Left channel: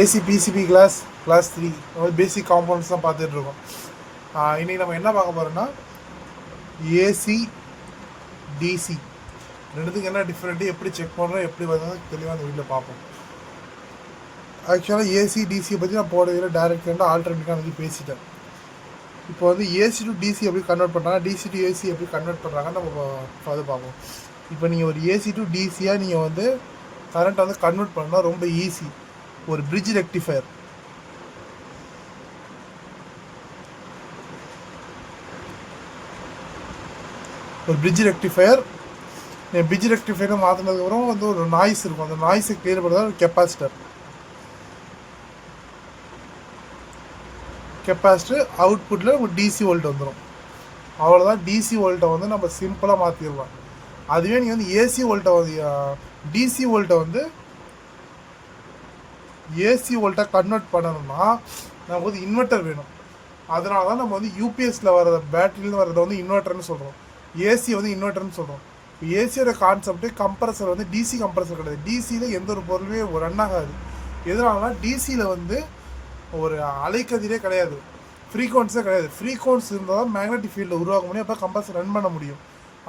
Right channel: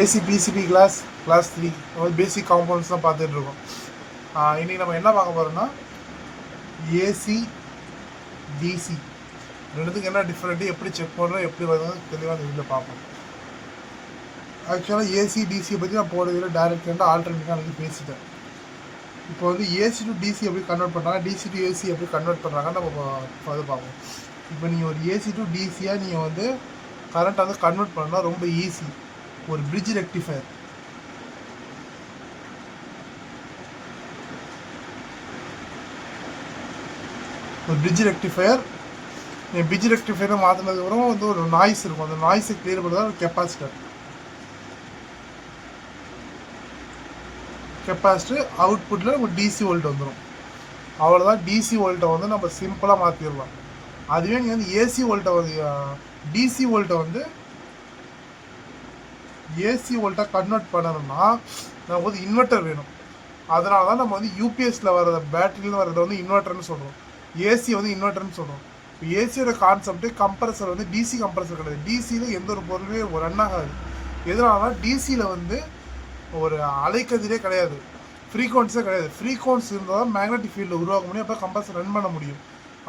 AC PCB class 3 இந்த மாதிரி பேசிக் compounds தான் பார்த்துட்டு இருக்கோம். இன்றைக்கி நம்ம என்ன பார்க்க போகிறோம்னா ஏசி டிசி ரெண்டுத்துக்கு என்ன டிஃப்ரெண்ட்டு, எப்படி செக் பண்ணுறோம், எப்படி வருதுன்னு தெளிவாக இந்த வீட்டில் பார்ப்போம். ஆக்சுவலாக ஏசி டிசியை பற்றி நான் போட வீடியோ டேரக்டாக ஆல்டர்னேட்டிவாக எனக்கு பேசிட்டேன். இப்போ வந்து ஏசி டு டிசி எப்படி கன்வெர்ட் பண்ணுறாங்க, டிசி டு ஏசி எப்படி கன்வெர்ட் பண்ணுறாங்கன்னு நம்ம அது பார்ப்போம். இப்போ நீங்கள் ஒரு ஏசி டு டிசியாக நீங்கள் வந்து கரண்ட்டை வந்து கன்வெர்ட் பண்ணால் ரொம்ப ஈஸி. ஒரு பிரிட்ஜ் ரெக்டிஃபயர், பிரிட்ஜ் ரெக்டிஃபயரை மாற்றினதுக்கப்புறம் வந்து ஒரு நாய்ஸ் இருக்கும். அந்த நாய்ஸை கிளியர் பண்ணுறது ஒரு கெப்பாசிட்டர் அவுட்புட்டில் ஒரு டிசி வோல்ட் வந்துடும். அவ்வளோதான். டிசி வோல்ட்டை வந்து நம்ம சிம்பிளாக மாற்றிடலாம். அதுவே நீங்கள் வந்து ஏசி வோல்ட்டை வந்து டிசி வோல்ட்டை வந்து ஏசி வோல்ட்டை கன்வெர்ட் பண்ணணும்னா நமக்கு வந்து இன்வெர்ட்டர் வேணும். அதனால தான் நம்ம வந்து யூபிஎஸில் வர்ற பேட்டரியில் வர்றத வந்து இன்வெர்ட்டர்னு சொல்கிறோம், ஏசி வந்து இன்வெர்ட்டர்னு சொல்கிறோம். ஏசியோட கான்செப்ட்டு கம்ப்ரஸர் வந்து டிசி கம்ப்ரஸர் கிடையாது. டிசியில் எந்த ஒரு பொருளுமே ரன் ஆகாது. எதனாலனா டிசியில் வந்து ஒரு அலைக்கதிரே கிடையாது, ஃப்ரீக்வன்ஸே கிடையாது. ஃப்ரீக்வன்ஸ் இருந்தால் தான் மேக்னெட்டிக் ஃபீல்டில் உருவாக்க முடியும், அப்போ கம்ப்ரஸர் ரன் பண்ண முடியும்.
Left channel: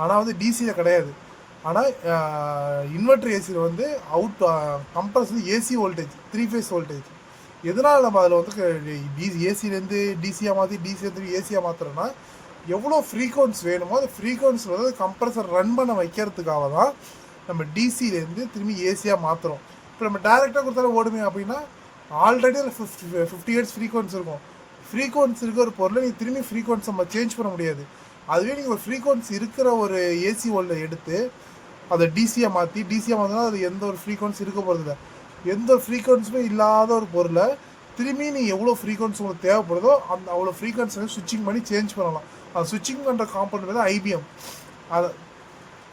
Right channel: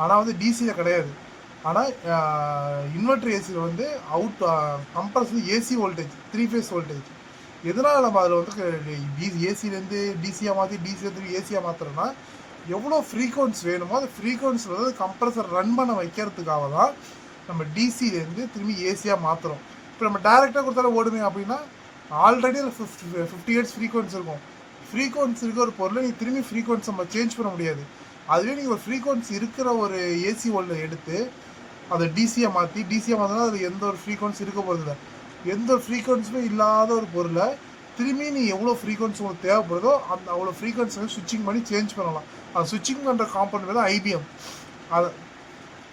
ஆனால் வந்து டிசியில் கிடையாது. ஆனால் இன்வெர்டர் ஏசியில் வந்து compressor AC voltage, 3 face voltage. எதனால் நம்ம அதில் வந்து ஏசிலேருந்து டிசியாக மாற்றி டிசிலேருந்து ஏசியாக மாற்றுறோன்னா எவ்வளோ ஃப்ரீக்வன்ஸ் வேணுமோ அந்த ஃப்ரீக்வன்ஸ் வந்து கம்ப்ரஸர் ரன் பண்ண வைக்கிறதுக்காக தான் நம்ம டிசிலேருந்து திரும்பி ஏசியாக மாற்றுறோம். இப்போ நம்ம டேரெக்டாக கொடுத்தாலும் ஓடுமே அப்படின்னா ஆல்ரெடி அதில் 50 ஹெர்ட்ஸ் ஃப்ரீக்வன்ஸ் இருக்கும். ஃப்ரீக்வன்ஸ் இருக்கிற ஒரு பொருளை நீங்கள் திரும்பி ஃப்ரீக்வன்ஸ் நம்ம சேஞ்ச் பண்ண முடியாது. அதுவே நீங்கள் ஒரு ஃப்ரீக்வன்ஸ் இருக்கிற ஒரு ஏசி வோல்டை எடுத்து அதை டிசியாக மாற்றினா அதில் எந்த ஒரு ஃப்ரீக்வன்ஸ் இருக்க போகிறதில்ல. எந்த ஒரு ஃப்ரீக்வன்ஸுமே இல்லாத ஒரு பொருளை திரும்பி நீங்கள் எவ்வளோ ஃப்ரீக்வன்ஸ் உங்களுக்கு தேவைப்படுதோ அந்த அவ்வளோ ஃப்ரீக்வன்ஸ் வந்து ஸ்விட்சிங் பண்ணி சேஞ்ச் பண்ணலாம். அது ஸ்விட்சிங் பண்ணுற காம்பவுண்ட் தான் ஐபிஎம். அது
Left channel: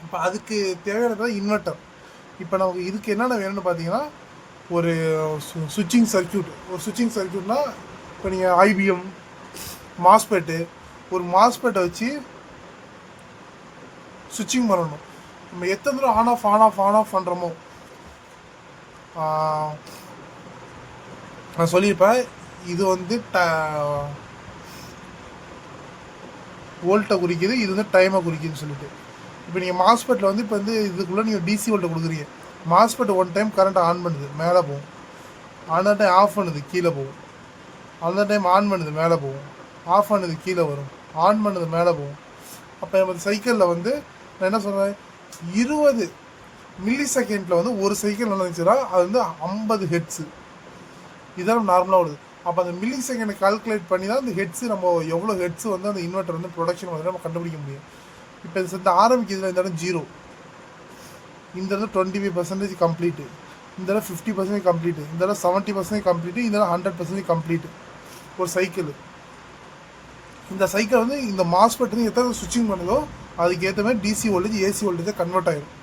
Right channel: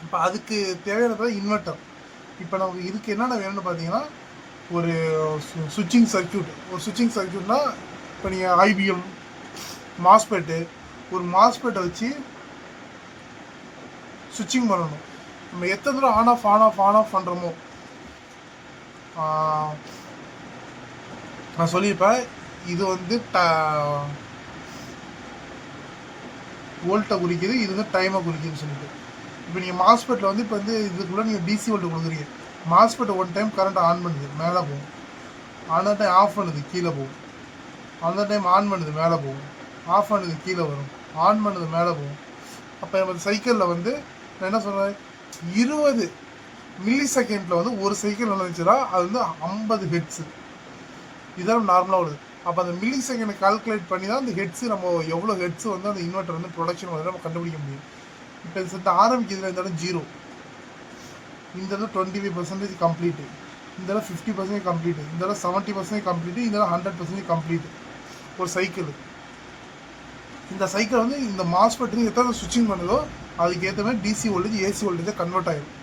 இப்போ அதுக்கு தேவையானது தான் இன்வெர்ட்டர். இப்போ நமக்கு இதுக்கு என்னென்ன வேணும்னு பார்த்தீங்கன்னா ஒரு ஸ்விட்சிங் சர்க்யூட்னா இப்போ நீங்கள் ஐபிஎம் ஒரு மாஸ்பெட்டை வச்சு ஸ்விட்சிங் பண்ணணும். நம்ம எத்தனை தூரம் ஆன் ஆஃப் பண்ணுறோமோ நான் சொல்லியிருப்பேன். இது வந்து வோல்ட்டை குறிக்குது, இது வந்து டைமை குறிக்குதுன்னு சொல்லிட்டு. இப்போ நீங்கள் மாஸ்பெட்டில் வந்து இப்போ வந்து இதுக்குள்ளே நீங்கள் டிசி வோல்ட்டை கொடுக்குறீங்க. MOSFET one time current on பண்ணுது, மேலே போகும். அந்த டைம் ஆஃப் பண்ணுது, கீழே போகும். அந்த டைம் ஆன் பண்ணுது, மேலே போகும். ஆஃப் பண்ணுது, கீழே வரும். ஆன் பண்ணுது, மேலே போகும். அப்போ நம்ம சைக்கிளில் வந்து நான் என்ன சொல்கிறேன், 20 மில்லி செகண்டில் வந்து ஒரு சைக்கிள் நடந்துச்சுன்னா அது வந்து 50 ஹெட்ஸு. இதெல்லாம் நார்மலாக வருது. அப்போ அந்த மில்லி செகண்டை கால்குலேட் பண்ணி தான் அந்த ஹெட்ஸு நம்ம எவ்வளோ ஹெட்ஸு வந்து அந்த இன்வெர்ட்டர் வந்து ப்ரொடக்ஷன் வந்து நம்ம கண்டுபிடிக்க முடியும். இப்போ இது சேர்த்து ஆரம்பிக்கிறதுல இந்த இடம் 0, இந்த இடம் 25% கம்ப்ளீட்டு, இந்த இடம் 50% கம்ப்ளீட்டு, இந்த இடம் 70% கம்ப்ளீட்டு, இந்த இடம் 100% கம்ப்ளீட்டு ஒரு சைக்கிள். இந்த சைக்கிள் வந்து இந்த மாஸ்பெட் வந்து எத்தனை ஸ்விட்சிங் பண்ணுதோ அதுக்கு ஏற்ற மாதிரி DC voltage AC voltage convert ஆகிடும்.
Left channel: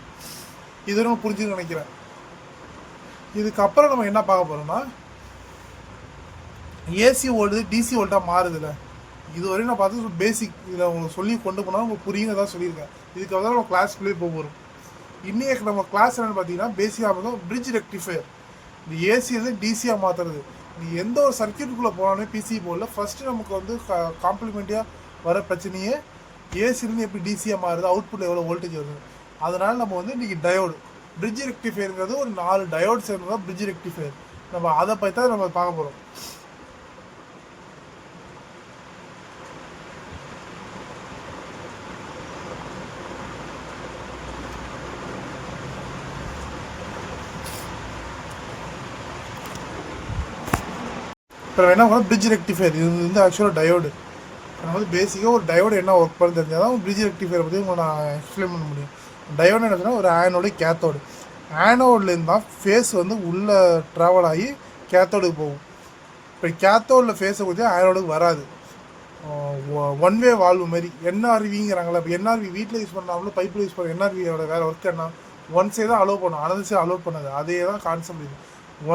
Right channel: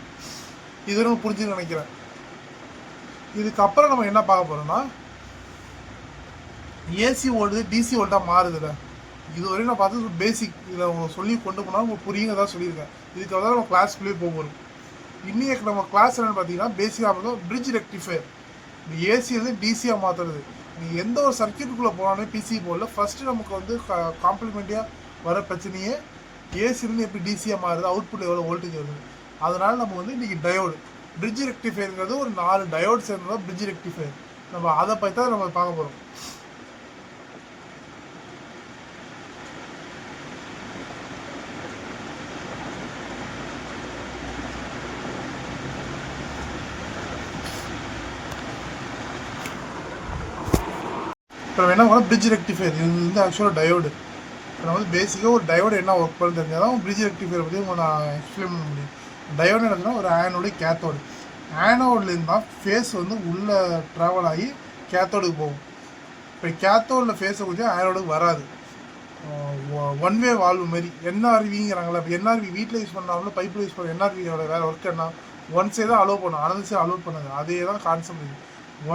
இது நம்ம புரிஞ்சுன்னு நினைக்கிறேன். இதுக்கப்புறம் நம்ம என்ன பார்க்க போகிறோம்னா ஏசி வோல்டேஜ் டிசி வோல்ட்டாக மாறுதுல்ல. இதுவரையும் நான் பார்த்து பேசிக் இதில் உங்களுக்கு சொல்லி கொண்டு போனால் உங்களுக்கு புரியுங்க தான் சொல்லியிருக்கேன். இதுக்காக தான் நம்ம கிளாஸ்க்குள்ளேயே போகிறோம். இன்னைக்கு நம்ம கிளாஸ் என்னென்னு பார்த்தீங்கன்னா பேசிக்காக வந்து பிரிட்ஜ் ரெக்டிஃபயர். இந்த ஏசி வந்து டிசியாக மாற்றுறது. நீங்கள் எந்த ஒரு சர்க்கியூட்டுக்குள்ளே போனாலும் பிசி போர்டில் ஃபஸ்ட்டு நமக்கு வந்து காம்ப்ளிமெண்ட்டாக வர பிரச்சனையே ஏசிலேருந்து எப்படி டிசியாக மாறுது, அவுட்புட்டில் எவ்வளோ வோல்டேஜ் வருது. அதனால் நம்ம வந்து இன்றைக்கி டயோடு பிரிட்ஜ் ரெக்டிஃபயருங்கிறது ஒரு 4 டயோடு சேர்ந்து தான் பிரிட்ஜ் ரெக்டிஃபயர். நம்ம அதை பற்றி தான் நம்ம பார்க்க போகிறோம். இப்போ என்ன பண்ணால் பிரிட்ஜ் ரெக்டிஃபயர் இது வந்து ஆக்சுவலாக டயோடு. நான் வந்து பேசிக்காக ஒரு டயோடு என்ன ஒர்க் பண்ண தெரிஞ்சால் தான் பிரிட்ஜ் ரெக்டிஃபயர் பற்றி நான் எக்ஸ்பிளைன் பண்ண முடியும். டயோடு என்னதுன்னா ஒரு ஆனோடு கேத்தோடு. ஆனோட்லேருந்து தான் ஃபேஸ் வந்து உள்ளே ட்ராவல் ஆகி கேத்தோடுக்கு போகும். இப்போ கேத்தோடில் ஃபேஸை கொடுத்து ஆனோடுக்கு வராது. ஒன் வே வால்வு மாதிரி என்ஆர்விங்கிறாங்களா. இப்போ என்ஆர்வி வீட்டில் யூஸ் பண்ணாமல் பைப்பில் யூஸ் பண்ண என்ஆர்வியோட வேறு ஒர்க் என்ன, ஒன் சைடு தான் அலோவ் பண்ணும், அனதர் சைடு அலோவ் பண்ணாது. அதே தான் கான்செப்ட்.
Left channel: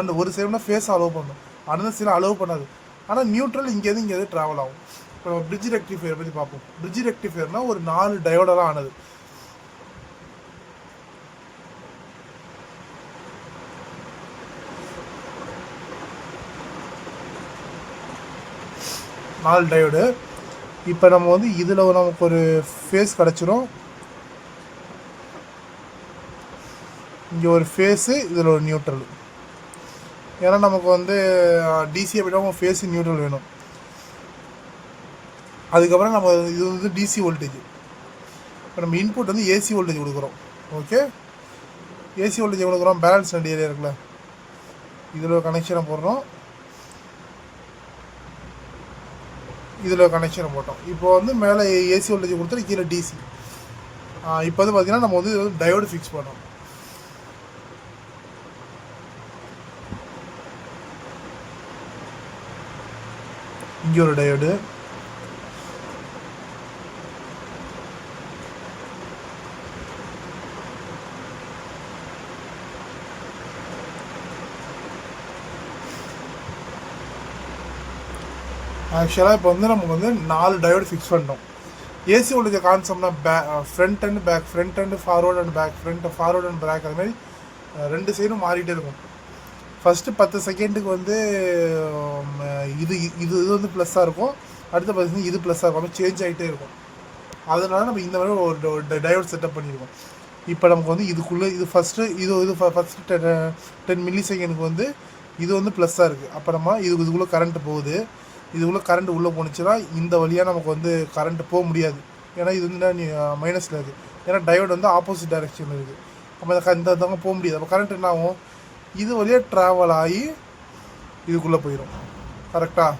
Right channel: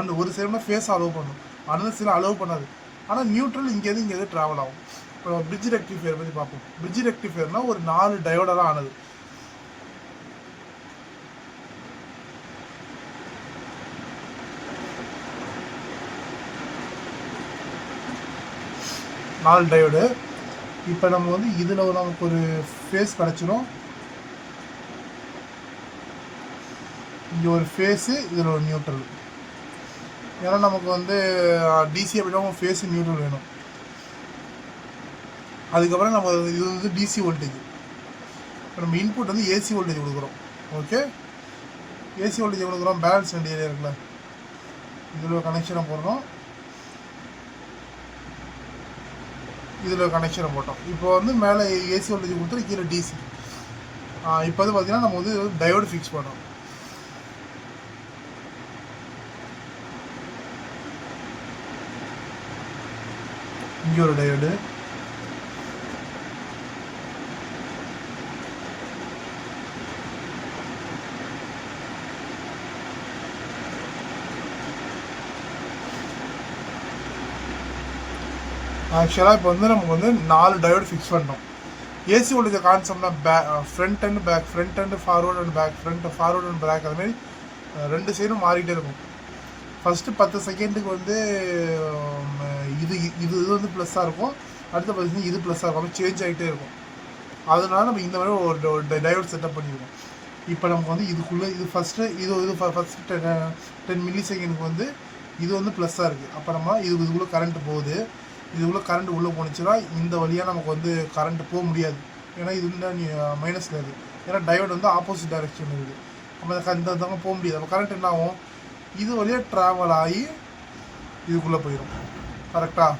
இது ஒரு சைடுனா ஃபேஸ் அலோவ் பண்ணும், அனதர் சைடு அலோவ் பண்ணாது. ஆனால் நியூட்ரல் இங்கேருந்து ட்ராவல் ஆகும். இப்போ பிரிட்ஜ் ரெக்டிஃபயர் பற்றி பார்ப்போம். பிரிட்ஜ் ரெக்டிஃபயர்னால் ஒரு 4 டயோடெல்லாம் ஆனது. 4 டயோடு. இப்போ நம்ம வந்து இதில் நமக்கு ஒரு ஃபேஸ் கிடச்சிரும். இங்கே ஒரு ஃபேஸு, இதில் ஒரு நியூட்ரல். ஏன்னா நமக்கு வந்து டிசி அப்படின்னா ஃபேஸு நியூட்ரல் வேணும். அதுக்கப்புறம் நம்ம இது வந்து டிசி வோல்டேஜ். இப்போ நம்ம இன்புட் வந்து ஏசி வோல்டேஜ் கொடுக்குறோம். ஓகே, ஏசி வோல்டேஜ் கொடுக்குறோம். பேலன்ஸ் ரெண்டு ஏரியா இருக்குல்ல, இதில் கனெக்ஷனை போடுறோம், இதில் கனெக்ஷனை போட்டோம். இப்போ வந்து மேலே ஏசி வோல்டேஜ் கொடுத்துட்டு கீழே டிசி. இப்போ வந்து பார்த்திங்கன்னா நம்ம வந்து டயோடு ஃபிக்ஸ் பண்ணோம். இங்கே ஒரு டயோடு, ஆக்சுவலாக இப்போ வந்து நமக்கு வந்து 4 டயோடு ஃபிக்ஸ் பண்ணிட்டோம். ஏசி வோல்டேஜ் கான்செப்ட்னா front and back, front and forward and back, forward and back, அது மாதிரி 2 சைடும் மாறிட்டே இருக்கும். ஃபஸ்ட்டு 10 செகண்டுக்கு வந்து இது இது இது வந்து ப்ளஸ்ஸாக இருக்கும், அடுத்த 10 செகண்ட் இது ப்ளஸ்ஸாக இருக்கும், அப்போ சேஞ்ச் ஆகிட்டே இருக்கும். அதனால நம்ம இந்த மாதிரி ஒரு டயோடு செட்டப் பண்ணியிருக்கோம். இப்போ நமக்கு வந்து இதுக்குள்ளே இது ஃபஸ்ட்டு ஃபஸ்ட்டு 10 மில்லி செகண்டுக்கு வந்து இது வந்து ப்ளஸ்ஸாக இருக்குது. அப்போ நம்ம இதுக்குள்ளே கரண்ட்டு போகுது. இதுக்குள்ளே கரண்ட் உள்ளே போணுச்சுன்னா இந்த வழியாக நமக்கு வந்து கரண்ட்டு போக முடியாது. ஏன்னா இது வந்து மைனஸில் இருக்குது. ஏன்னா டயோடு வந்து ஆப்போசிட் டைரெக்ஷன் இருக்குது. நம்ம இந்த தங்க போக முடியாது. அப்போ கரண்ட் என்ன ஆகும், இது வழியாக ட்ராவல் ஆகி இதுக்குள்ளே போயிடும். கரெக்டாக?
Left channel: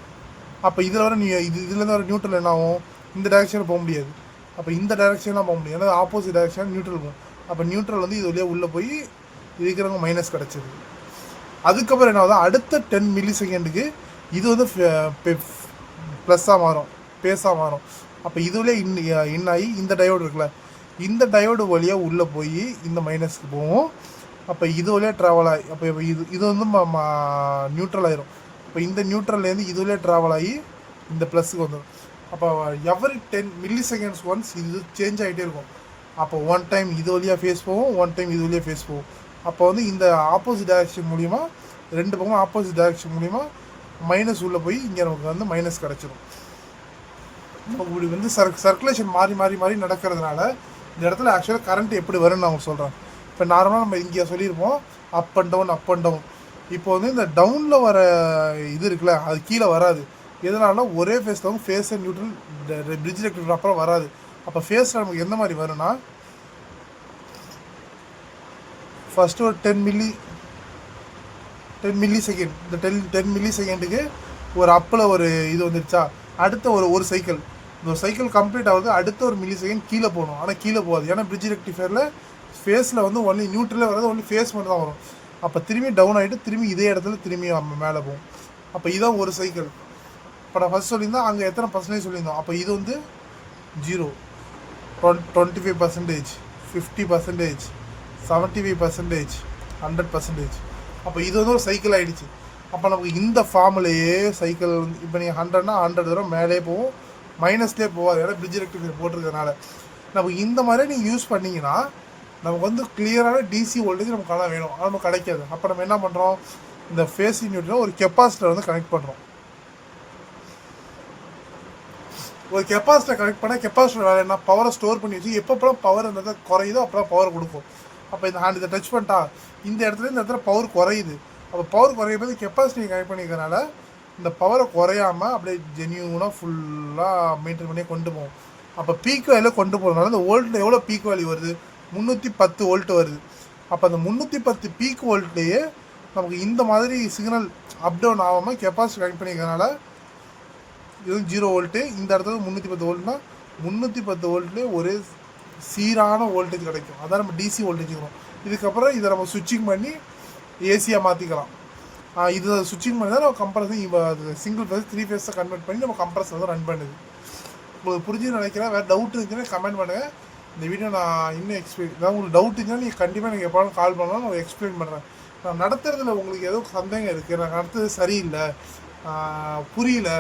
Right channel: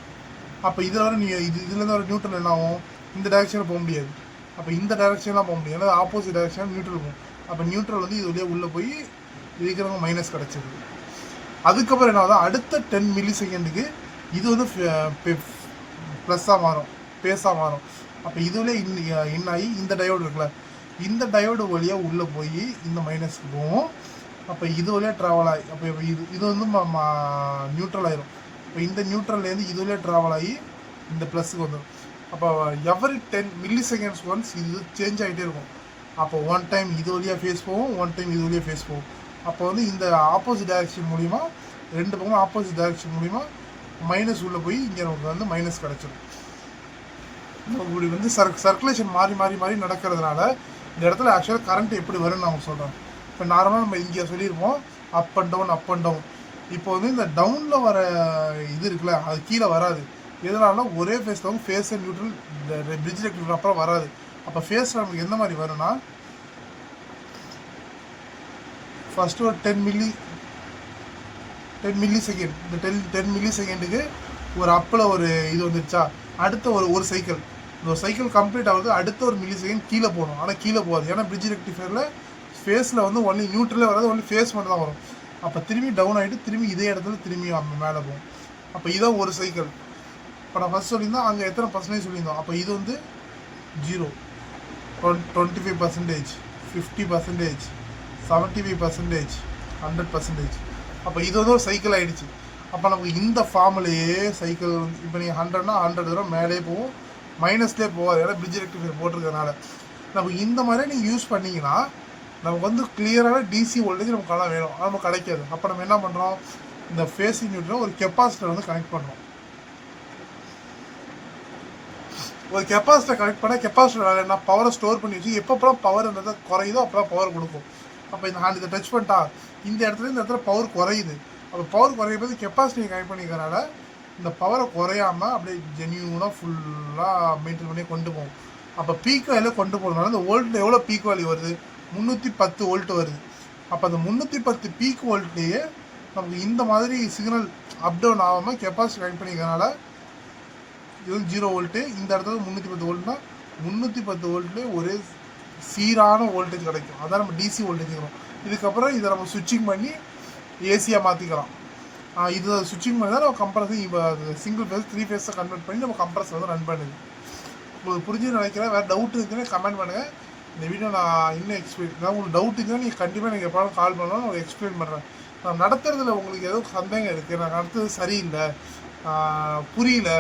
அப்போ இதில் வர இதுலேருந்து வர நியூட்ரல் என்ன ஆகும், இந்த டைரெக்ஷனில் போக முடியாது. அப்போ இந்த டைரெக்ஷன்லாம் போக முடியாது. ஏன்னா ஆப்போசிட் டைரெக்ஷன் நியூட்ரல் போகும். அப்போ நியூட்ரல் வந்து இது வழியாக உள்ளே போய் இருக்கிறவங்க மைனஸ் கிடச்சிது. அதுக்கப்புறம் என்ன ஆகுது, அடுத்த 10 மில்லி செகண்டுக்கு இது வந்து ப்ளஸ்ஸாக மாறும், பேஸாக மாறும். அப்போ இதுலேயே ஆகி இந்த டயோடு இருக்குல்ல, இந்த டயோடு வழியாக உள்ளே போய் இந்த மைனஸ்க்கு போகும். அப்போ இது வழியாக ட்ராவல் ஆகி அப்போ இது வந்து நியூட்ரல் ஆயிரும். இப்போ இந்த நியூட்ரல்லேருந்து இது வழியாக ட்ராவல் ஆகி இந்த ப்ளஸ்ஸுக்கு வந்துடும். அப்போ எவரி 10 மில்லி செகண்ட்ஸ் ஒன்ஸ் இது சேஞ்ச் ஆகிட்டே இருக்கும். அப்போ ஒன் டைம் இது வழியாக ஃபேஸ் போகும், ஒன் டைம் இது வழியாக ஃபேஸ் போகும். அப்போ வந்து இந்த ஆப்போசிட் டைரெக்ஷன் மூலிமா, 2 பக்கமும் ஆப்போசிட் டைரெக்ஷன் மூலிமா மைனஸ் உள்ளே போய் இங்கே நமக்கு வந்து மைனஸ் கிடச்சிடும். இப்படி வந்து சர்க்குலேஷன் மாறி மாறி மாறி நடக்கிறதுனால இந்த இடத்துல ஆக்சுவலாக கரண்ட் எப்படி வரும்னு நான் சொல்கிறேன். இப்போ நார்மலாக நம்ம இங்கே சொல்லியிருப்போம் up and down, up and down. இப்போ வந்து இந்த டவுனில் வர இது இருக்குல்ல, அது கீழே வராது. எதனால ஒரே ஃபேஸில் வந்து phase and neutral bridge rectifier அப்புறம் வராது. அப்போ ஃபேஸில் நமக்கு எந்த மாதிரி வரும்னா, ஃபஸ்ட்டு ஒரு 10 மில்லி செகண்ட், இந்த 10 மில்லி செகண்டுக்கு ஒரு அப்பில் ஒரு இது வந்துருச்சா, அடுத்த ஒரு சைக்கிள், இந்த சைக்கிள் கம்ப்ளீட் ஆகுது, அடுத்த ஒரு மில்லி செகண்ட் கீழே போகணும். ஆனால் கீழே போகாது. ஏன்னா பிரிட்ஜ் ரெக்டிஃபையரில் ஃபேஸில் வந்து ஒன்லி நியூட்ரலே வராது, ஒன்லி ஃபேஸ் மட்டும் தான் வரும். அப்போ திரும்பி டவுன் ஆகிட்டு திரும்பி இதே இடத்துல திரும்பி நம்ம மேலே போகும். அப்போ இதான் ஒரு சைக்கிள். இப்போ நான் ஃபஸ்ட் சொல்லியிருந்தேன் அங்கே எத்தனை பர்சன்டேஜ் சொல்லியிருந்தோம். அப்போ இது வந்து 0, 25%, 50%, 75%, 100%. அப்போ இது வந்து ஒரு சைக்கிள் ஆகிடுச்சு. அப்போ நமக்கு இந்த ஃபார்முலையே சைக்கிள் இப்போ நீங்கள் 100னா 100 தூரம் மேலே போகும், மைனஸ்லேயே போகாது. ஏன்னா பிரிட்ஜ் ரெக்டிஃபையர் போட்டிருக்கனால நமக்கு இந்த மாதிரி நீங்கள் யூஸ் பண்ணிங்கன்னா நமக்கு வந்து கிளியரான டிசி வோல்டேஜ் நமக்கு ஆனால் வேணும், அது நமக்கு கிடைக்காது. அப்போ நம்ம என்ன பண்ணுறோம், இந்த ஃபேஸ் யூனிட்டில் ஒரு கெப்பாசிட்டர் வந்து கனெக்ட் பண்ணுறோம். ஒரு கெப்பாசிட்டர் கனெக்ட் பண்ணால் கெப்பாசிட்டர் வேலை என்ன, பவரை ஸ்டோர் பண்ணி வச்சு எப்பப்பெல்லாம் பவர் இந்த குறையுதோ அப்போலாம் பவர் கொடுக்கும். அப்போ இந்த ஹேண்ட் இதை டச் பண்ணிட்டா இந்த இடத்துல பவர் குறையுது. அப்போ பவர் குறையும்போது கெப்பாசிட்டி கனெக்ட் பண்ணிக்கிறதுனால இந்த பவரை குறையாமல் அப்படியே ஜென்யூனாக ஃபுல்லாக மெயின்டைன் பண்ணி கொண்டு போகும். அப்போ பீக் வேலையில் கொண்டு போகிறதுனால இந்த வோல்ட் எவ்வளோ பீக் வேல்யூ வருது, 310 வோல்ட் வருது. அப்போ அந்த 310 பீக் வோல்ட்லேயே நமக்கு இந்த மாதிரி சிக்னல் அப் டவுன் ஆகாமல் கெப்பாசிட்டி கனெக்ட் பண்ணிக்கிறதுனால இது 0 வோல்ட்டு, இந்த இடத்துல 310 வோல்ட்னா 310 வோல்ட்லேயே ஒரு சீரான வோல்டேஜ் கிடைக்கும். அதான் நம்ம டிசி வோல்டேஜ் வரும். இதுக்கப்புறம் இதை நம்ம சுவிட்சிங் பண்ணி ஏசியாக மாற்றிக்கலாம். இது சுவிட்சிங் பண்ணி தான் நம்ம கம்ப்ரஸர் இப்போ சிங்கிள் ஃபேஸ் 3 ஃபேஸை கன்வெர்ட் பண்ணி நம்ம கம்ப்ரஸர் வந்து ரன் பண்ணுது. உங்களுக்கு புரிஞ்சு நினைக்கிறேன். வேறு டவுட் இருக்குன்னு கமெண்ட் பண்ணுங்கள். இந்த வீடியோ நான் இன்னும் எக்ஸ்பிளைன், அதாவது உங்களுக்கு டவுட் இருந்தால் நீங்கள் கண்டிப்பாக நீங்கள் எப்போதும் கால் பண்ணலாம், நான் எக்ஸ்பிளைன் பண்ணுறேன். நான் நடத்துறதுல உங்களுக்கு ஏதோ சந்தேகம் இருக்குது, நான் நடத்துறது சரியில்லை, புரியல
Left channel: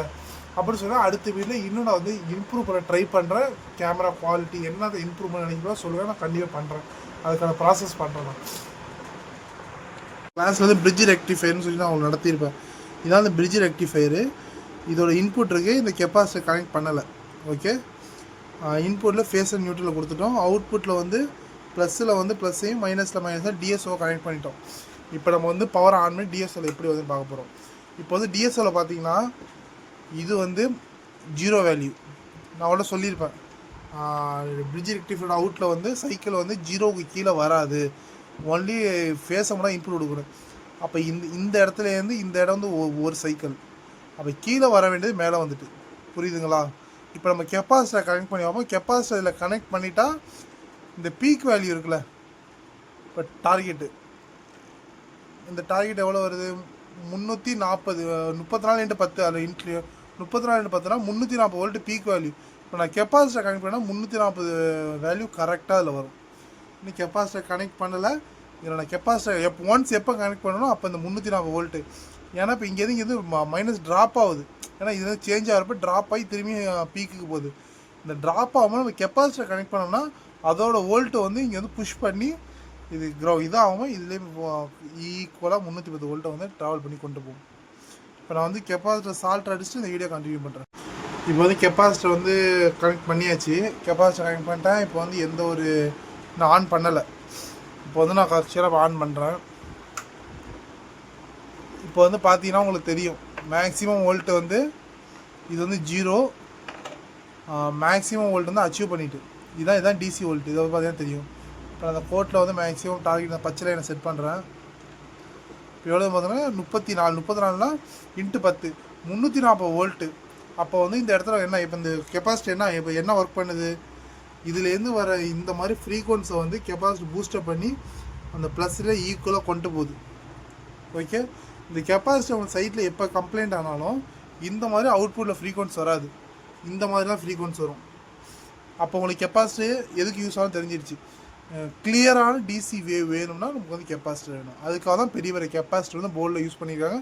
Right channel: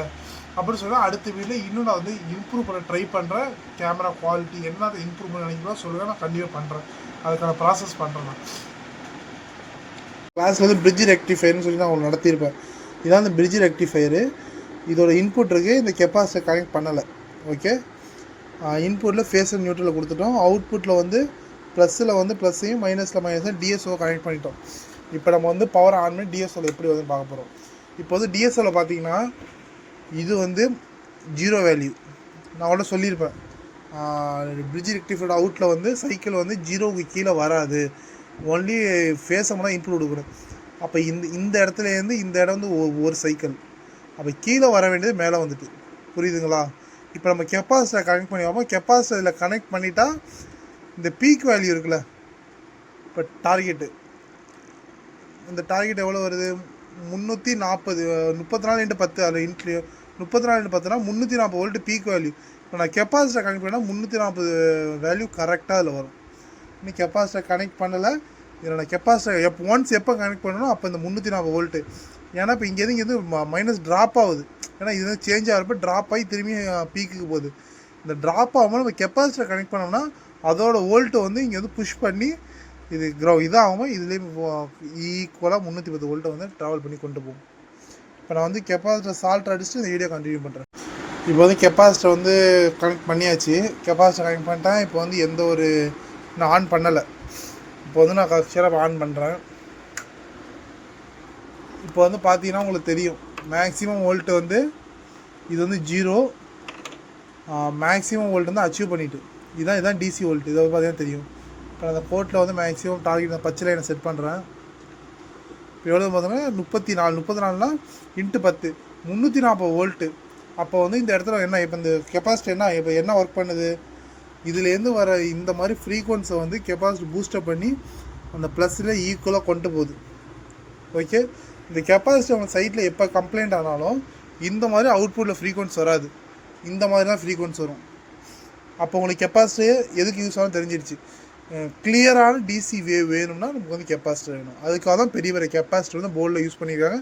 அப்படின்னு சொன்னால் அடுத்த வீடியோவில் இன்னும் நான் வந்து இம்ப்ரூவ் பண்ண ட்ரை பண்ணுறேன். கேமரா குவாலிட்டி என்ன இம்ப்ரூவ் பண்ண நினைக்கிறோம் சொல்லுவேன், நான் கண்டிப்பாக பண்ணுறேன். அதுக்கான ப்ராசஸ் பண்ணுறேன். நான் கிளாஸில் வந்து பிரிட்ஜ் ரெக்டிஃபையர்னு சொல்லி நான் அவங்க நடத்தியிருப்பேன். இதான் அந்த பிரிட்ஜ் ரெக்டிஃபையரு. இதோட இன்புட் இருக்குது, இந்த கெப்பாசிட்டர் கனெக்ட் பண்ணலை. ஓகே, இன்புட்டில் ஃபேஸ் அண்ட் நியூட்ரலில் கொடுத்துட்டோம். அவுட்புட்டில் வந்து ப்ளஸ்ஸில் வந்து ப்ளஸ்ஸையும் மைனஸில் மைனஸாக டிஎஸ்ஓ கனெக்ட் பண்ணிட்டோம். இப்போ நம்ம வந்து பவர் ஆன் பண்ணி டிஎஸ்ஓவில் எப்படி வந்து பார்க்க போகிறோம். இப்போ வந்து டிஎஸ்ஓவில் பார்த்தீங்கன்னா இது வந்து 0 வேல்யூ. நான் அவ்வளோ சொல்லியிருப்பேன், பிரிட்ஜ் ரெக்டிஃபைட் அவுட்டில் வந்து சைக்கிள் வந்து 0க்கு கீழே வராது, ஒன்லி ஃபேஸை மட்டும் இன்புட் கொடுக்கணும். அப்போ இந்த இடத்துலேருந்து இந்த இடம் வந்து ஒரு சைக்கிள், அப்போ கீழே வர வேண்டியது மேலே வந்துட்டு. புரியுதுங்களா? இப்போ நம்ம கெப்பாசிட்டரை கனெக்ட் பண்ணி வைப்போம். கெப்பாசிட்டர் இதில் கனெக்ட் பண்ணிட்டா இந்த பீக் வேல்யூ இருக்குல்ல, இப்போ டார்கெட்டு, இந்த டார்கெட் எவ்வளோ வருது, 340, 34 × 10, அதில் 34 × 10னா 340 வோல்ட் பீக் வேல்யூ. இப்போ நான் கெப்பாசிட்டர் கனெக்ட் பண்ணால் 340 வேல்யூ கரெக்டாக அதில் வரும். இன்னும் கெப்பாசிட்டர் கனெக்ட் பண்ணலை. இதில் நான் கெப்பாசிட்டர் ஒன்ஸ் எப்போ கனெக்ட் பண்ணணும் அப்போ இந்த 340 வோல்ட்டு. ஏன்னா இப்போ இங்கேருந்து மைனஸ் ட்ராப் ஆகுது, ஏன்னா இது வந்து சேஞ்ச் ஆகிறப்ப ட்ராப் ஆகி திரும்பி பீக்குக்கு போகுது. இந்த ட்ராப் ஆகாமல் நம்ம கெப்பாசிட்டர் கனெக்ட் பண்ணோம்னா அதோட வோல்ட்டு வந்து இங்கே வந்து புஷ் பண்ணி இது இதாகாமல் இதுலேயும் ஈக்குவலாக 310 வோல்ட்டை வந்து ட்ராவல் பண்ணி கொண்டு போகும். இப்போ நான் வந்து கெப்பாசிட்டர் சால்ட் அடிச்சுட்டு இந்த வீடியோ கண்டினியூ பண்ணுறேன். இப்போ வந்து கெப்பாசிட்டர் வந்து கனெக்ட் பண்ணியாச்சு. கெப்பாசிட்டர் கனெக்ட் பண்ணிட்டேன். இப்போ வந்து எந்த ஒரு நான் ஆன் பண்ணலை. இப்போ வந்து நான் கரெக்டாக ஆன் பண்ணுறேன். இப்போ வந்து பார்த்தீங்கன்னா உங்களுக்கு தெரியும், மேக்ஸிமம் வோல்ட்டு வந்து இது வந்து 0, மேக்ஸிமம் வோல்ட் வந்து அச்சீவ் பண்ணிவிட்டு இதுதான் டிசி வோல்ட். இதை வந்து பார்த்தீங்கன்னா தெரியும். இப்போ அந்த கோட்டில் வந்து மேக்ஸிமம் டார்கெட் நான் பச்சை லைனை செட் பண்ணுறேன். இப்போ எவ்வளோ பார்த்தோன்னா 34னா × 10 340 வோல்ட்டு. அப்போ வந்து இந்த இடத்துல என்ன, இப்போ இந்த கெப்பாசிட்டி என்ன ஒர்க் பண்ணுது, இதுலேருந்து வர இந்த மாதிரி ஃப்ரீக்வன்ஸை வந்து கெப்பாசிட்டி பூஸ்டப் பண்ணி அந்த ப்ளஸில் ஈக்குவலாக கொண்டு போகுது. ஓகே, இந்த கெப்பாசிட்டி அவங்க சைட்டில் எப்போ கம்ப்ளைண்ட் ஆனாலும் இந்த மாதிரி அவுட்புட்டில் ஃப்ரீக்வன்ஸ் வராது, இந்த மாதிரி தான் ஃப்ரீக்வன்ஸ் வரும். அப்போ உங்களுக்கு கெப்பாசிட்டி எதுக்கு யூஸ் ஆகும் தெரிஞ்சிடுச்சு. கிளியரான டிசி வேவ் வேணும்னா நமக்கு வந்து கெப்பாசிட்டர் வேணும். அதுக்காக தான் பெரிய கெப்பாசிட்டர் வந்து போர்டில் யூஸ் பண்ணியிருக்காங்க.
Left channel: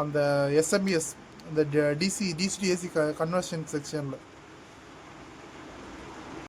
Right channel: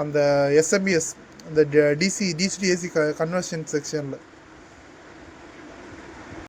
அந்த எஸ்எம்பிஎஸ், அந்த டிசி டு ஏசி கன்வர்ஷன் செக்ஷனில்